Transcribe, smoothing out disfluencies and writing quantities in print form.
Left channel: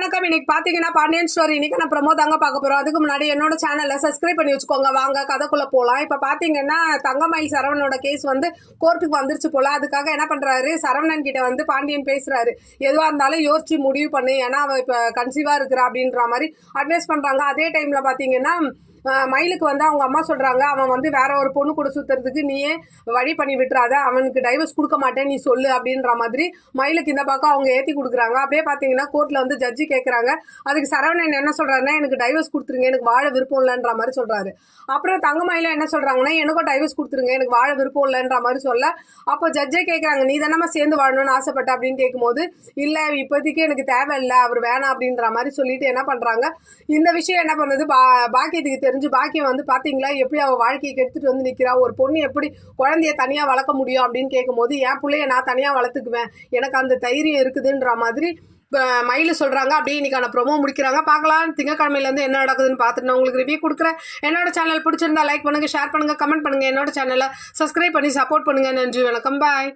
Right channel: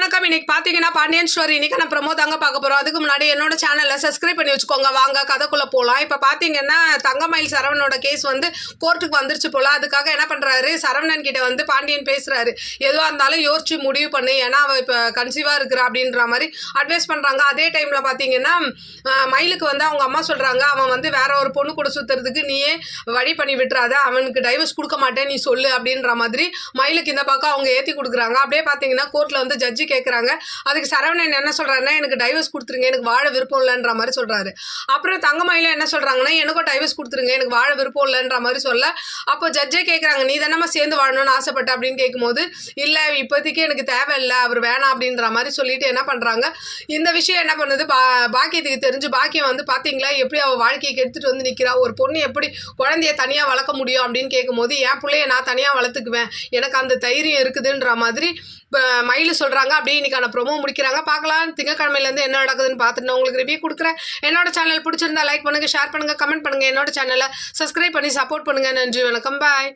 வணக்கம். இன்னைக்கு பாத்தீங்கன்னா பாண்டியன் ஸ்டோரி இன்னைக்கு நான் ப்ரமோ தாங்க பார்க்க போறோம். அதுக்கு முன்னாடி என்னோட சேனலை சப்ஸ்கிரைப் பண்ணி வச்சுக்கோங்க. வாங்க கதைக்குள்ள போலாம். இப்ப பாத்தீங்கன்னா தங்கமயில் சரவணனோட கேஸ் வந்து கோர்ட்டுக்கு வந்துருச்சு போல. அதுக்காக என்ன பண்றாரு, சரவணன் கிட்ட வந்து பாண்டியன் பேசுறாரு. எதுவா இருந்தாலும் யோசிச்சு முடிவு பண்ணு, ஏன்னா அவ இப்ப கன்சீவா இருக்கிறா அப்படின்ற மாதிரி அட்வைஸ் பண்றாங்க. அதே டைம்ல பாத்தீங்கன்னா மயிலுக்கு வந்து அவங்க அம்மா சொல்றாங்க, அவன் வந்து வேற ஒரு பொண்ணு கூட சுத்துறதுக்கு நீயே வழி பண்ணி விட்டுறாத, அவனுக்கு டைவர்ஸ் கொடுக்க மாட்டேன் நீ சொல்லு அப்படின்ற மாதிரி மயிலுக்கு இந்த பக்கம் அவங்க ஏத்தி கொடுக்குறாங்க. அப்படியே பாத்தீங்கன்னா கோர்ட்ல வந்து ஜட்ஜி கேட்குறாங்க. அதுக்கு சரவணன் என்ன சொல்றாருன்னா, எனக்கு டைவர்ஸ் கொடுத்துருங்க, எனக்கு வாழ விருப்பம் இல்லைன்ற மாதிரி சொல்றாரு. அப்புறம் தங்கமயில என்ன சொல்றாங்கன்னா, எனக்கும் டைவர்ஸ் கொடுத்துருங்க, எனக்கு வாழ விருப்பம் இல்லைன்ற மாதிரி சொல்ல, அப்போ ஜட்ஜே கேட்குறாங்க, நீ தானே சேர்ந்து வாழணும்னு ஆசைப்பட்ட அப்படின்னு கேட்கும்போது, இல்லை இப்போதைக்கு எனக்கு தேவையில்லை, அவர் வேணாம் அப்படின்ற மாதிரி சொல்லிட்டு என்ன பண்றாங்க, இந்த விஷயம் என்ன பண்ணுது பாக்கியத்துக்கு தெரிஞ்சு, பாக்கியம் வந்து பாத்தீங்களா எப்படி அவள் வாழ்க்கையை கெடுத்துட்டு வந்து நிற்கிறா, ஒரு பொண்ணு எப்படி குழந்தைய தனியாக வளர்க்க முடியும் அப்படின்னு கேட்கும்போது, என் பிள்ளைய நான் தனியாக வளர்த்துக்குவேன், எனக்கு அந்த தைரியம் இருக்குதுன்ற மாதிரி மயில் சொல்கிறாங்க. அப்படியே இன்னைக்கான ப்ரோமோ முடிக்கிறாங்க. பார்க்கலாம் திங்கக்கிழமையிலேருந்து என்ன நடக்குதுன்னு பார்த்துட்டு நான் உங்களுக்கு ரிவ்யூ கொடுக்குறேன். என்னோட சேனல் பிடிச்சிருந்தா லைக் பண்ணுங்கள், ஷேர் பண்ணுங்கள், கமெண்ட் பண்ணுங்கள். என்னோட சேனலை சப்ஸ்கிரைப் பண்ணி சப்போர்ட் பண்ணுங்கள். நன்றி, வணக்கம், பாய்.